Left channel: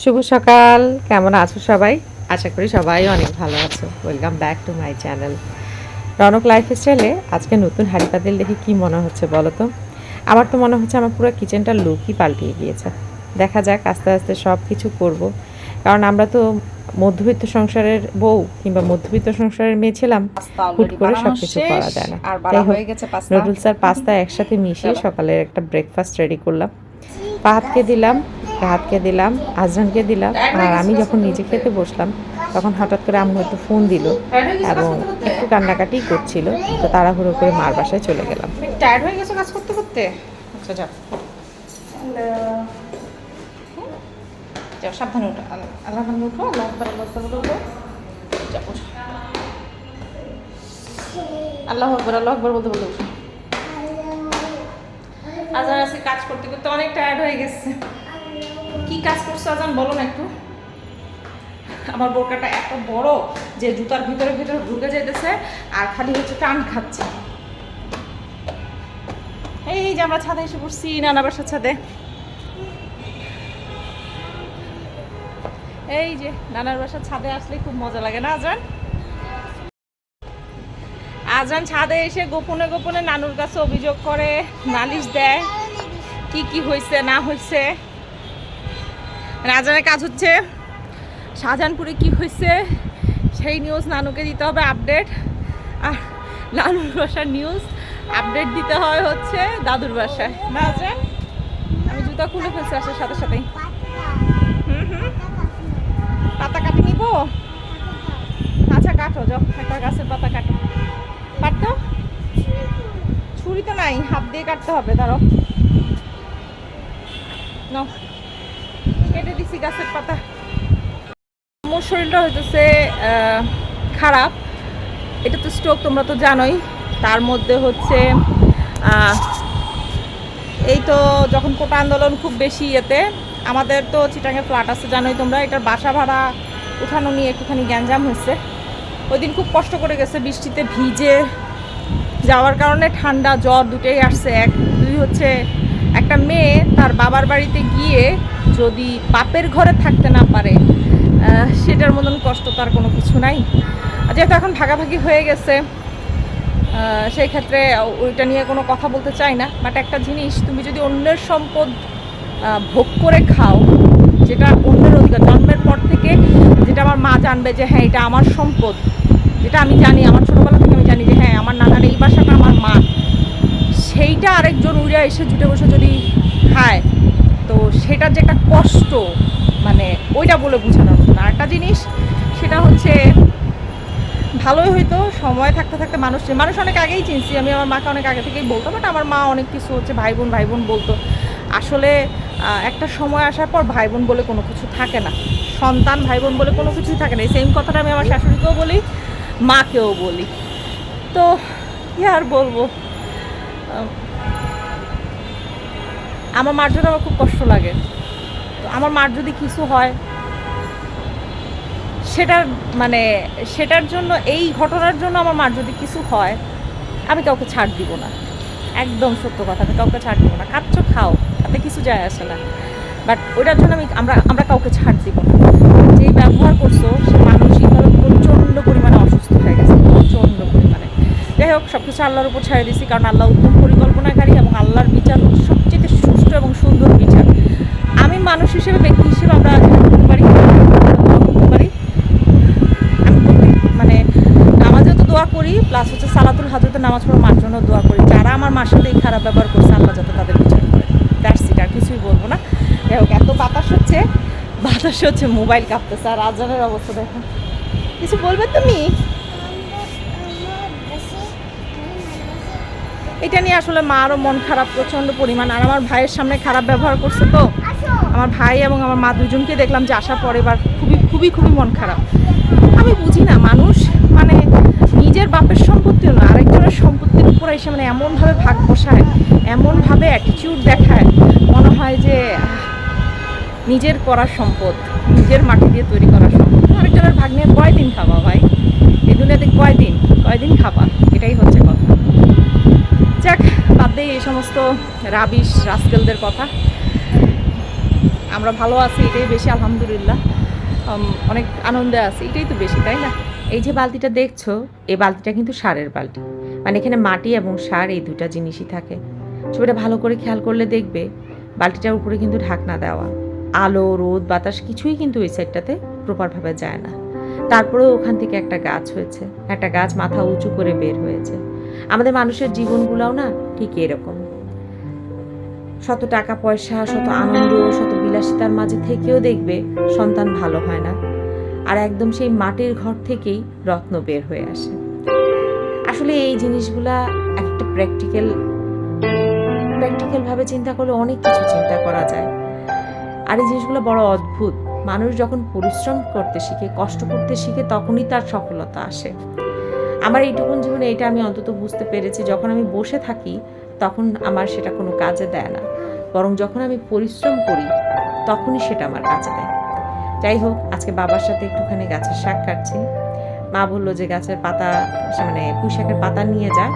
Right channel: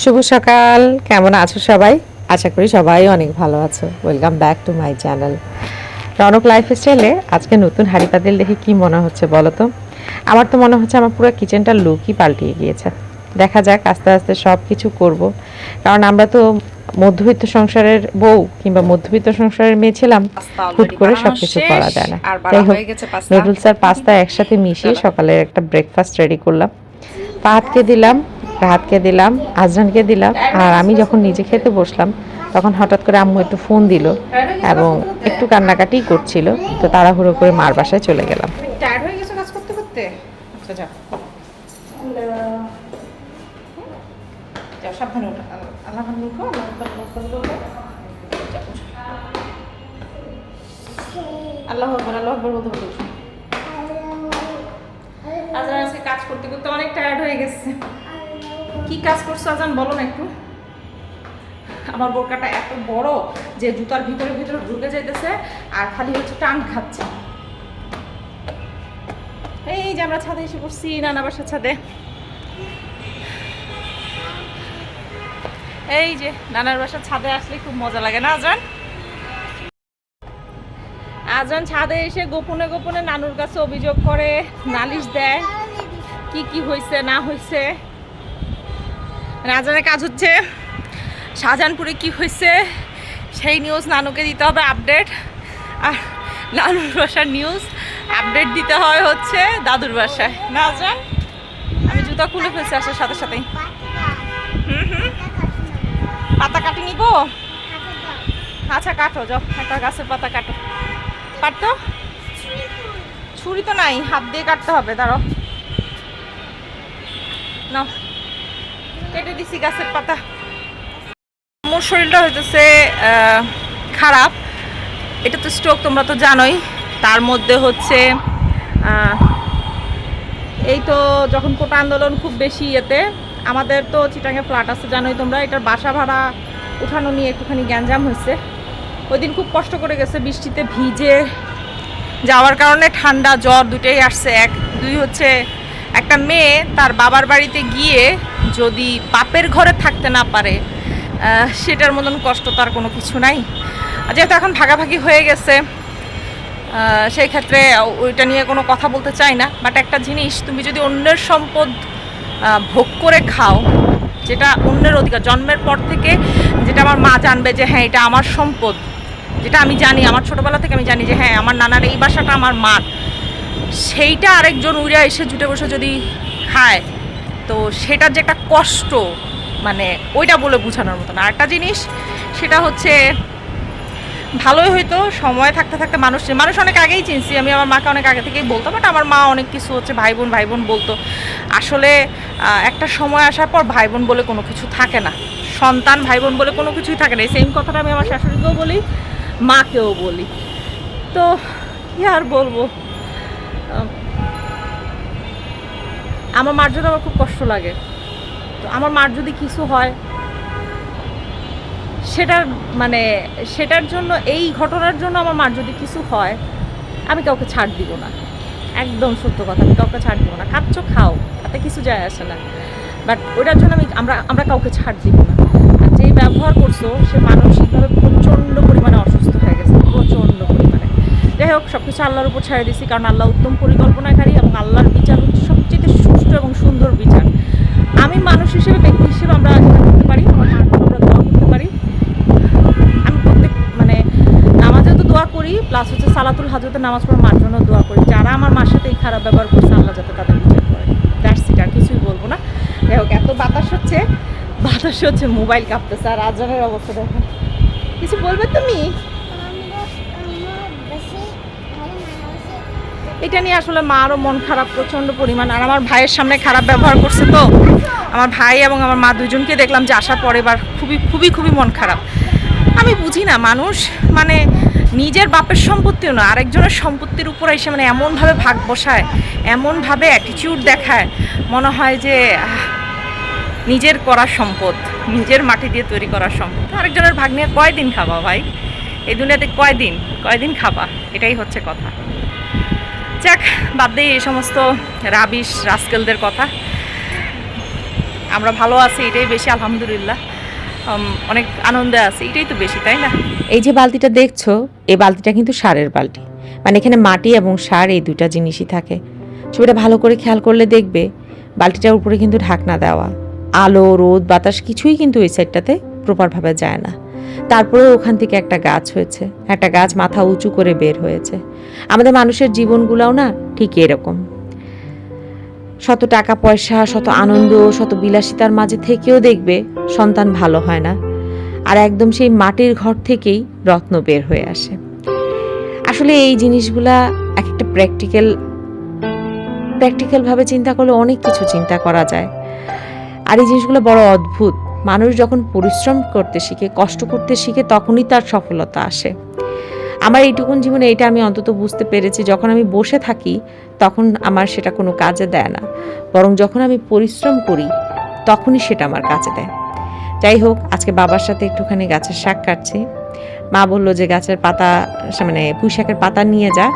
শুভ সকাল। কেমন আছো সবাই? আশা করি সবাই অনেক ভালো আছে। Welcome back to my channel Ronak life স্টাইলে আজকে নতুন হাড়ি পাতিল দেখে কি মনে হচ্ছে বলো তো? আমার তো মনে হচ্ছে আমার পুরো কিচেনটার লুকই পাল্টিয়ে গিয়েছে। দেখা যাক আস্তে আস্তে সব কিছু করব। কারণ আমরা তো মধ্যবিত্ত সংসারের বউ কিংবা মধ্যবিত্ত সংসারের মেয়ে ছিলাম হুট করে সবকিছু করা যায় না। যাই হোক, নুডলস আর পাস্তা একসাথে মিশিয়ে। সকালের একটা ব্রেকফাস্ট রেডি করলাম। পাহাতকে দিলাম রাহাতকে দিলাম, আজরানকে দিলাম, আর আমি যখন নিজে খেতে বসলাম, তখন হঠাৎ করে আম্মু একটু ফোন দিল এবং একটু কান্নাকাটি করছিল। তো তাড়াহুড়ো করে মার বাসায় চলে গেলাম। টায়ার্ড হয়ে গেছো কাজ করতে করতে? আচ্ছা যাও। আল্লাহ আল্লাহ আকবার আজকে কাজ করতে করতে অনেক টায়ার্ড হয়ে গেছে। কি কাজ করছ আজান? বলো না একটু। আমার বোরকাটা এত বড় যে জুতার ভিতরে ভিতরে ঢুকে যেতেছে আর খালি হচ্ছে টান খাচ্ছে। এই যে আমরা ছাদে এসে পড়ছি, নানা বাসার ছাদে। এই যে নানার বাসার ছাদে আসলে খুব মজা লাগে না আজান? আজান ছাদে এসে গোপনে গোপনে নানুর কাছে অভিযোগ করে, নালিশ দেয়, কি কি হয়েছে না হয়েছে রাজানের কাজ হচ্ছে শাহজাহানপুরে কি হয়েছে সেই নিউজ নানুকে দিতে হবে আপডেট আর নানুর বাসার নিউজ আপডেট দিতে হয় হচ্ছে দাদুর বাসায়। না আজান আমি জুতা খুলে ফেলছি, আসার সাথে সাথেই। হুম হুম। পাতা কাটি নিব? আচ্ছা কাটো, যাও, একটা গাছের পাতা কাটো। কাটতো ছুরি তো নাই, হাত দিয়ে কাটতে হবে তারও নাও। কেটে দিছি গাছের পাতা। আমার শরীরটা হইতেছে খারাপ। এটা তো স্ট্রোক তোমরা তো জানোই। তার মধ্যে হচ্ছে এই তো যখন কোটা আন্দোলন খুব বেশি ইয়েতে, আমাদের তো চিটাঙ্গে ফ্ল্যাট আছে, জানোই তোমরা। এটার বাসা ভাড়া উঠানো নিয়ে একটুখানি গ্যাঞ্জাম হয়েছে। ওই দিন খুব কষ্ট করে গেছে, বৃষ্টিতে ভিজে যাওয়ার কারণে ঠান্ডা, জ্বর দুটোই আসছে। এক, দুই হচ্ছে, একটা মেয়ে তার বাবার বাড়িতে গিয়ে যদি বাপের ঘরে থাকতে না পারে সেটার মতন কষ্ট তার কোনো কিছু নাই। যেহেতু এখন ভাগাভাগি হয়ে গেছে সেই ক্ষেত্রে ওইটা নিয়ে কোনো কথা বলতে চাই না। বাট একটা জিনিস, তুমি যদি অন্যের সম্পদ ভোগ করে খাও, যেটা অন্যের অধিকার, জন্মের পর থেকে যেটা আমার মা জানবে যে হ্যাঁ এটা আমার সম্পদ। যেটা আমি জানি, আমার ছোটোবেলা থেকে আমি জানি যে হ্যাঁ আমার নানার এই বাসাটা আমার মা। সেইটা আরেকজন উড়ে এসে জুটে বসে যদি খায় তো সেটার যে একটা কষ্ট মানে ওইটা বলে বোঝানোর মতো না আরেকটা জিনিস, সেটা হচ্ছে ভালোই হইতো, সময় থাকতে থাকতে মানুষ মানুষ অনেক আগেই চিনছি। আমি আমার মাকে অনেক আগে থেকেই বলতাম বাট আমার মা অনেক কিছু হচ্ছে ভাই বোন ভাই বোন বলতো। আসলে একটা সময় আসার পর ভাই বোন বলে কোনো কিছু থাকে না। সন্তান ভাই বোন বলে কোনো কিছুই থাকে না। এই সেম কথাটা আমি আমার শাশুড়িকেও বলি, মাকেও বলি। তো, কি আর বলব? আমার মার জন্য আমার খুব কষ্ট লাগে। তো আমার মার যদি কিছু হয় সেটার মানে সেটার জন্য, এই ঘটনার জন্য আমার মার যদি কিছু হয়, আমি কাউকে ছাড় দিব না। একদম সত্য কথা, আমি কাউকে ছাড় দিব না। খাচ্ছ খাও, তাতে কিছু যায় আসে না। বাট ওইটার জন্য আমি, আমরা আমরা কাউকে ছাড় দিব না। যেই ব্যবহার করছ, সে মানসিকভাবে প্রচণ্ড পরিমাণে অসুস্থ হয়ে গেছে, প্রচণ্ড পরিমাণে। যাই হোক সব কিছু আল্লাহর উপর ছেড়ে দিছি কারণ আল্লাহ উত্তম পরিকল্পনাকারী এবং আল্লাহর বিচার সুষ্ঠু এবং সুন্দর বিচার। আমি মানুষ হিসেবে, ব্যক্তি হিসেবে আমরা করতে পারি করতে পারি। আমি প্রত্যেক মানে নামাজেও তো দোয়া করি প্লাস হচ্ছে সালাতুল হাজরতে নামাজ পড়ার মার জন্য দোয়া করি। যারা আমার মার সাথে এই খারাপ ব্যবহার করছে, আমরা যাতে তাদের বিচার করে। দ্যাটস ইট আর কিছুই বলব না। যাই হোক, এত বাতাস হচ্ছে বাতাস হচ্ছে মোবাইল কাঁপতেছে, আর আজানের অবস্থা দেখেন। কিছু বলবে তুমি? এটা নিয়ে আসলে মারও মন খারাপ, প্রচণ্ড পরিমাণ। আর আমার ভাইয়ের সামনে খারাপ ব্যবহার করছে তো। আমার ভাই এবং আমার মা দুজনকে দেখলাম যে আসার পরে এবার খুবই খুবই খুবই মন খারাপ। আমি বুঝি না, মানুষ মানে নিজের বাপের সম্পত্তিও না, আরেকজনের সম্পত্তির উপর এসে মানে এমনভাবে ভাগ বসায়, এমনভাবে অ্যাটিটিউড দেখায়, মনে হয় যে নিজের করা সম্পদ, নিজের মাটি দিয়ে তৈরি করা সম্পদ। আরেকজনের ভাগ নিয়ে কয়দিন খাবা ভাই? এই দুনিয়াতে কয়দিন? কয়দিন খাবা? এটাই হচ্ছে কথা। যাক, বাদ দিয়ে এই সমস্ত রাবিশ রাস্কেলদের কথা। আমরা ভালো আছি, এটাই বেশি, আলহামদুলিল্লাহ। অনেক আনন্দে আছি, এটাই তো বেশি, তাই না? এই যে বালতিটা দেখছ, এই বালতিটা কিন্তু সারের বালতি। মানে এখানে মাটি এবং সার, এই দুইটা জিনিসই থাকে। ছবিটা ভালো করে খেয়াল করলে দেখবে, বালতিটার উপরে কিন্তু ঢাকনা দেওয়া। আলো, রোদ, বাতাস কিছুই কিন্তু এই সাইডটাতে প্রপারভাবে যায় না। তারপরেও ওখান থেকে একটা গাছ হয়েছে। একটা গাছ মাথা উঁচু করে বের হয়েছে। আমাদের মানুষের জীবনগুলোও না ঠিক এরকম। শত টাকা পয়সা, শত আনন্দ, শত বিলাসিতার মাঝে থেকেও দেখবে সন্তান ভালো হয় না। আর একদম সেই মাটির ঘর থেকেই রত্ন বের হয়ে আসে। আসলে এই জিনিসগুলা এক একটা প্র্যাকটিক্যাল প্র্যাকটিক্যালভাবে চিন্তা করলে অনেক কিছু চিন্তা করা যায়। আর এই জিনিসগুলো বড় অদ্ভুত। মানুষ যখন পরিশ্রম করতে শিখে, কষ্ট করতে শিখে, তখনই তার সফলতা আসে। আমার এইটুকুন জীবনে এটা আমি অন্তত বুঝতে পেরেছি, যখন আমি বসে থাকি, তখন আমার সেটা কোনো কাজে দেয় না। বরং যখন আমি পরিশ্রম করি, তখনই সেটা আমার কাজে দেয়। যাই হোক, আজকে বাবার সাথে একটুখানি গাছের শাক কাটছি। মা বলল যে গাছের পাতা মানে পুঁই শাকের পাতা নিয়ে যা।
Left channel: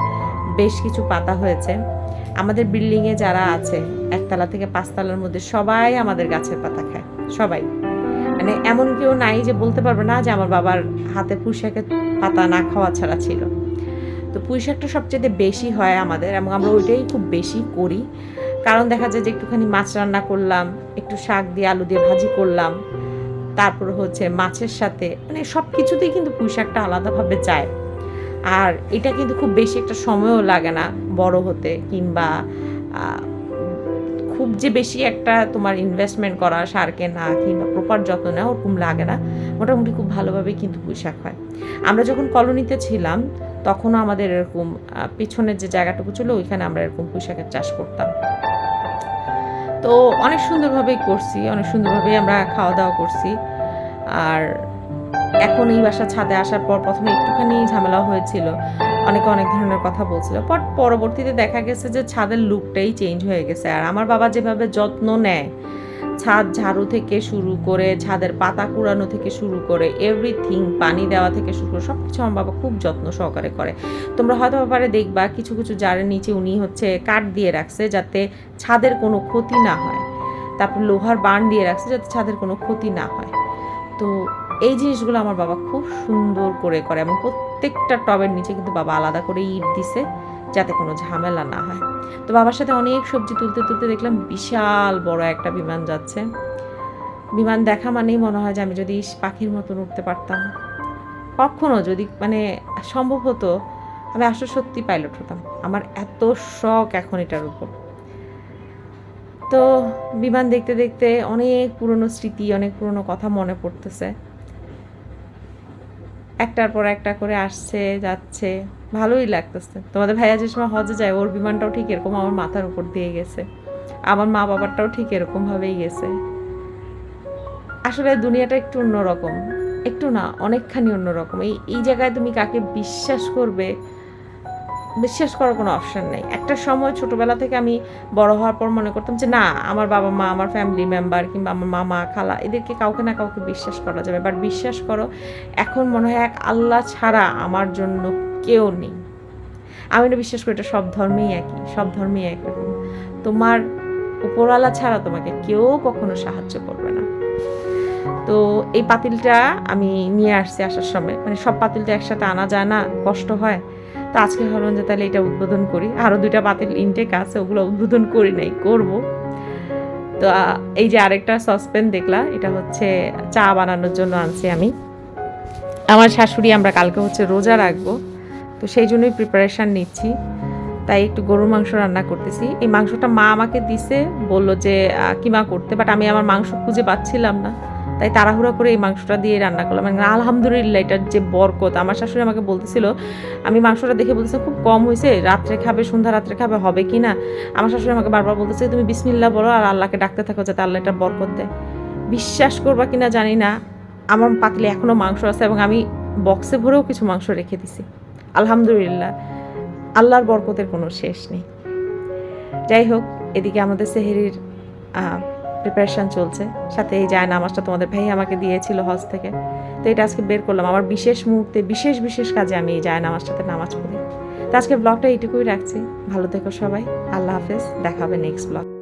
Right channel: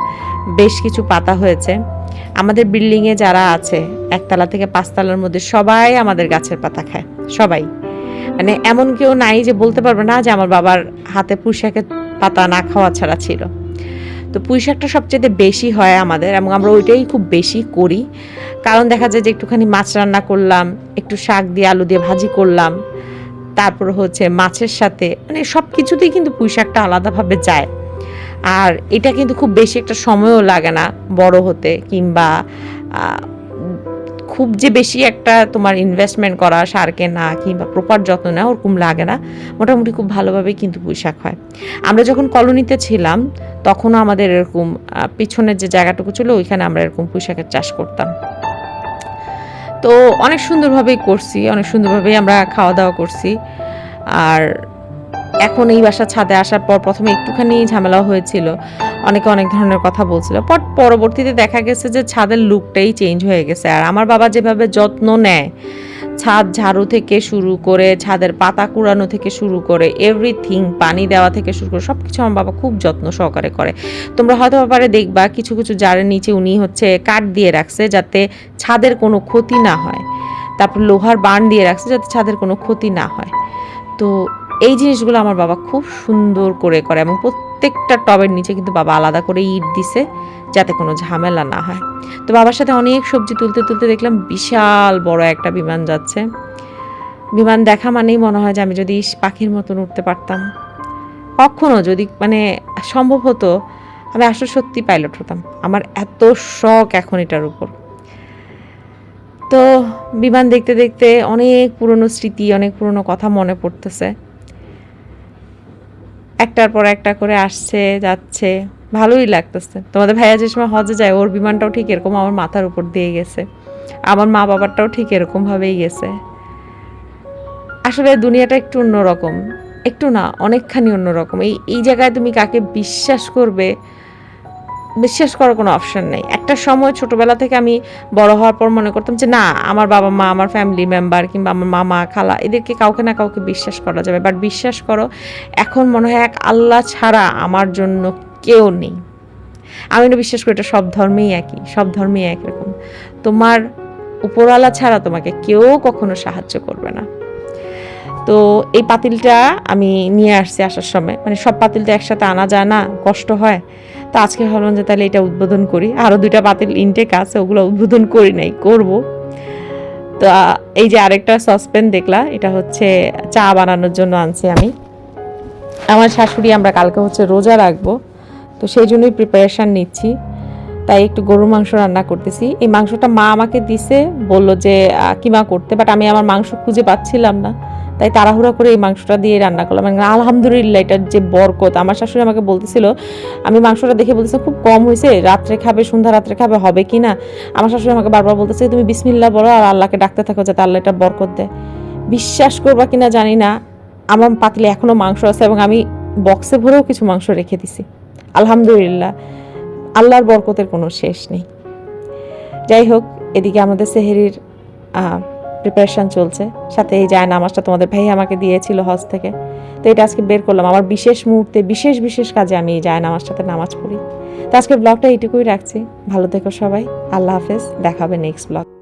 বেশ কিছু পাতা হয়েছে। আমাদের বিল্ডিংয়ে যারা আছে, একতলা থেকে পাঁচতলার মধ্যে সবাই আমাদের গাছের পাতা খায়। সবাই। মানে এমন কেউ নাই যে বলতে পারবে না যে আমার বাবার হাতে পুঁই শাকের পাতা না খাওয়া ছাড়া ছিল। তো পুঁই শাকটা সবচেয়ে বেশি হয় আমাদের এবং আমরা ওইটাই খুব বেশি করি। কারণ দেখা যায় যে একটুখানি মাছ রান্না করলাম, একটু শাক দিয়ে আলু দিয়ে ভাজি করলাম, তারপর হচ্ছে মাছের সাথে মানে সব কিছুতেই কিন্তু পুঁই শাকটা আলাদাভাবে যায়। আর এটা কিন্তু খুব বেশি একটা সময়ও লাগে না বড় হতে কিংবা খুব যে বেশি একটা তোমার ইনভেস্টমেন্ট করা, সার কেনা কিংবা প্রপার যত্ন নেওয়া ওরকম লাগে না। মোটামুটি খুব ভালোভাবে কিন্তু পুঁই শাক হয়। আমরা যখন কলোনিতে ছিলাম, তখনও আমাদের এরকম পিছনের যে জায়গাটুকু ছিল, ওইখানে আমরা এরকম পুঁই শাকের চাষ করতাম। তো অনেক সুন্দরভাবেই করছি, অনেক সুন্দরভাবেই আমরা খাওয়া দাওয়া করছি। আর এখন এই বাসা ছাদে আসার পর প্রথমে একটুখানি ঝামেলা হয়েছিল। অনেকে অনেক ধরনের কথা বলছিল। পর পরবর্তীতে দেখা গেছে যে ছাদের লুকটাই চেঞ্জ হয়ে গেছে। আর আমার বাবা যেভাবে যত্ন নেয়, ছাদ ঝাড়ু থেকে শুরু করে, ছাদের পাতা কুড়ানো থেকে শুরু করে এভরিথিং পানি দেওয়া থেকে শুরু করে সব কিছু আমার বাবা খুব যত্ন সহকারে করে। তোমরা হয়তো ব্যাপারে দেখবা, কিছু কিছু জারের নিচে উনি হচ্ছে কাঠ দিয়ে রাখছে যাতে ছাদের কোনো ক্ষতি না হয়। তারপর লোহার বান দিয়ে রাখছে যাতে ছাদের কোনো ক্ষতি না হয়। তো এই জিনিসগুলো আমার বাবা খুব সুন্দর করে করে এবং প্রত্যেকটা টবের নিচে কিন্তু বাবা আলাদা করে ইট দিছে যাতে কোনো ঝামেলা না হয়। তো বাবার সাথে অনেক সবজি তুলতে তুলতে দেখলাম বিশাল বড় একটা বিমান যাচ্ছে। বিমান দেখা মানেই মনে হয় যে আমি যদি পাখির মতন উঠতে পারতাম। কখনো যদি মানে সম্ভব হতো, আমি আসলে সত্যি পাইলট হতাম। আমার এত শখ এখন এটার উপর। তো বিমান দেখতে দেখতে অনেক পুরনো স্মৃতি, অনেক পুরনো কথা মনে পড়তেছে। একটার পর একটা করে আসছে, যাচ্ছে। ভালোই লাগতেছে। তোমাদের ভাইয়া যে সময় হজে যায়, ওর বিমানটাও ঠিক এরকম আমার মাথার উপর দিয়ে গেছে। আমার মা বাবারটাও ঠিক এরকম ভাবেই গেছে। আসলে দুনিয়াটা একটু অন্যরকম। একটু না, অনেকখানি অন্যরকম। এই এই জায়গায় তুমি কাকে বিশ্বাস করবে বিশ্বাস করার কোনো অপশন নেই। একটা সময় ছোটবেলা থেকে আমি বড় হওয়ার পর মনে করতাম যে, না, আমার বাবা মা, আমার ফ্যামিলি মেম্বার কিংবা আমার মামা, খালা, এদেরকে কাউকে না কাউকে বিশ্বাস করা যাবে। বাট বিশ্বাস করো, এখন মনে হয় এক আল্লাহ ছাড়া আমার জন্য কেউ নেই। আমি না বিশ্বাস করি এটা সব ধর্মেই একই, সব ধর্মেই একরকম। তোমার উপরওয়ালা ছাড়া তোমাকে কেউ কখনো সাহায্য করবে না। তো এই পাতিলটা আমি নিয়ে আসছি আসার সময়। মানে সব পাতিলটা একসাথে আনা যায় না, কষ্ট হয়। তো আজকে ভাবলাম যে তাহলে এটা উদ্বোধন করি। আরও দুইটা পাতিল ইনটেক আছে, ওগুলো উদ্বোধন করি নাই, করব। তো এই যে আরেকটা সসপেন দেখলা, এটা হচ্ছে চা বানানোর জন্য আনছি আমি। আমার শাশুড়ি আমরা কালকে হচ্ছে রোজা রাখব, তো সেই জন্যই প্রিপারেশান নিচ্ছি। তাই একটু গরুর মাংস রান্না করতেছি। এই মাংসটা মা আমাকে দিছে, বলল যে কিমা করতে? বাট আমি আমার মাংস খুঁজে পাচ্ছিলাম না। তাই তাড়াহুড়া করে এই মাংসটা দিয়ে রান্না করলাম আলহামদুলিল্লাহ এটার যে বরকত, আমার শাশুড়ি আমাকে বলতেছিল, আমি মাংসটা দেখে বলতেছে খুব কম হয়েছে, রাত্রে খাবে, সন্ধ্যা রাত্রে খাবে, হবে কি না? আমার শাশুড়ি আমাকে বারবার বলতেছে, তুমি বিসমিল্লা বলো আর আল্লাহকে ডাকতে থাকো যাতে আল্লাহ এটা বরকত দেয়। বিশ্বাস করবা কিনা জানি না, আমার পাতিলে এখনও মাংস আছে এবং আমি বক্সে ভরেও কিছু মাংস রেখে দিছি। আলহামদুলিল্লাহ, আল্লাহর বরকতের কোনো শেষ নেই। যাই হোক, এদিকে আমাদের সেহেরির প্রিপারেশন চলছে। সাথে এই যায় নামাজটা তোমাদের ভাই আমাকে দিয়েছিল হজ থেকে। তো এটা আজকে বের করলাম। আমার বিশেষ মুহূর্তে, বিশেষ বিশেষ কাজে আমি এই যায় সাথে নামাজ পড়ি। তো আজকে ব্লগটা এইটুকুই রাখছি। ভালো থেকো সবাই। আল্লাহ হাফেজ। দেখাবে নেক্সট ব্লগ